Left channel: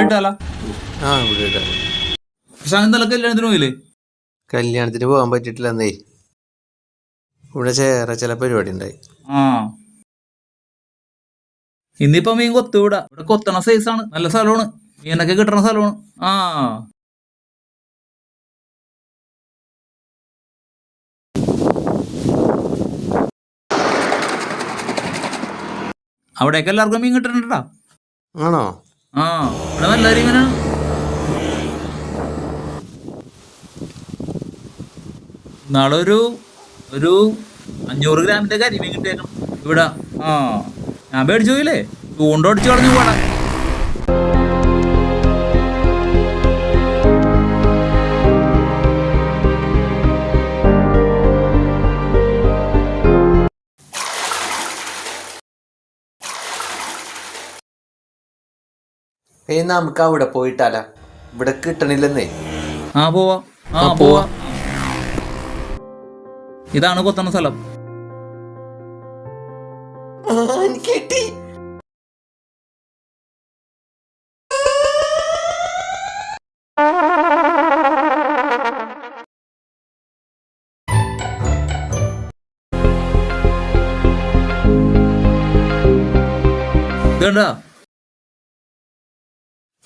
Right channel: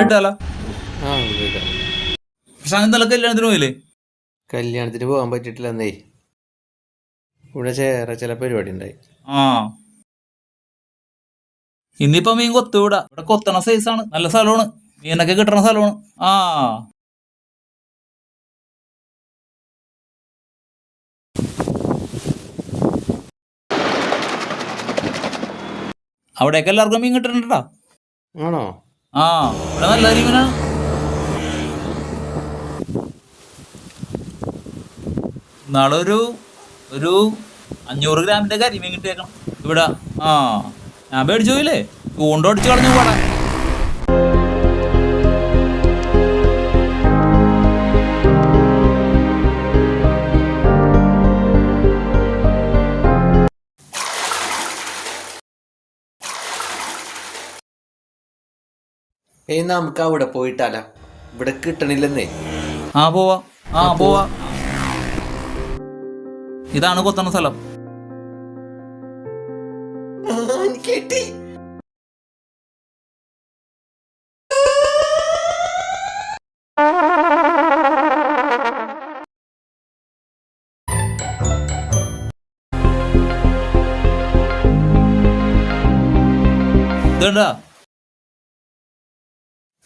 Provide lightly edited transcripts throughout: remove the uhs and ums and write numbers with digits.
ആ ഇവിടെ ഇടാം. കല്യാണത്തിന് പോയില്ലേ? കല്യാണത്തിന് പോകാൻ പറ്റിയിട്ടില്ലെന്നേ. ഇവിടെ ചേറെ ചില പരിപാടി ഉണ്ടായി. ആ ഇന്നിപ്പോ മീൻ കൊത്തുവിടാ. ഇവിടെ കൊത്തണ സൈസാണ്, നല്ല സ്ഥലമാണ്, മീനൊക്കെ കിട്ടണ സ്ഥലമാണ്. ആ അവിടേക്ക് എല്ലാവർക്കും മീൻ കിട്ടുന്നുണ്ടാ. ആണോ? ആ ഇവിടെ നല്ല മീനാ. നാളെ ഒരു 500 ഗ്രാമിന്റെ കരിമീൻ കിട്ടിയേക്കണം ഇവിടെ. ആ ഞാൻ മേടിച്ചു പോയില്ലേ, ചൂണ്ടോടിച്ച് കളഞ്ഞു പോടാ. നമുക്ക് അവിടെ പോയിട്ടാലാ? ഇവിടെ കിട്ടണില്ലെന്നേ. ആ പോവാ. ആ പോവാ. ഇതാണ് കൊത്തണ സ്ഥലം. കിട്ടി. ഇതുണ്ടാ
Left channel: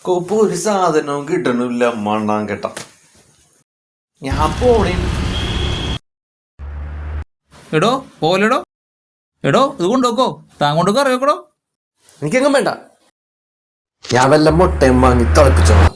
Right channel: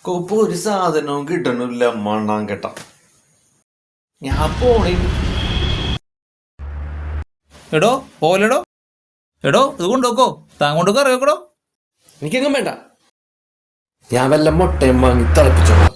കോപ്പ് ഒരു സാധനവും കിട്ടണില്ല മണ്ണാൻ കേട്ട. ഞാൻ പോണേ. എടോ പോലെടോ, എടോ ഇത് കൊണ്ടുപോക്കോ, താൻ കൊണ്ടൊക്കെ അറിയാക്കടോ. എനിക്കെങ്ങും വേണ്ട. ഞാൻ വല്ല മുട്ടയും വാങ്ങി തിളപ്പിച്ചോളാം.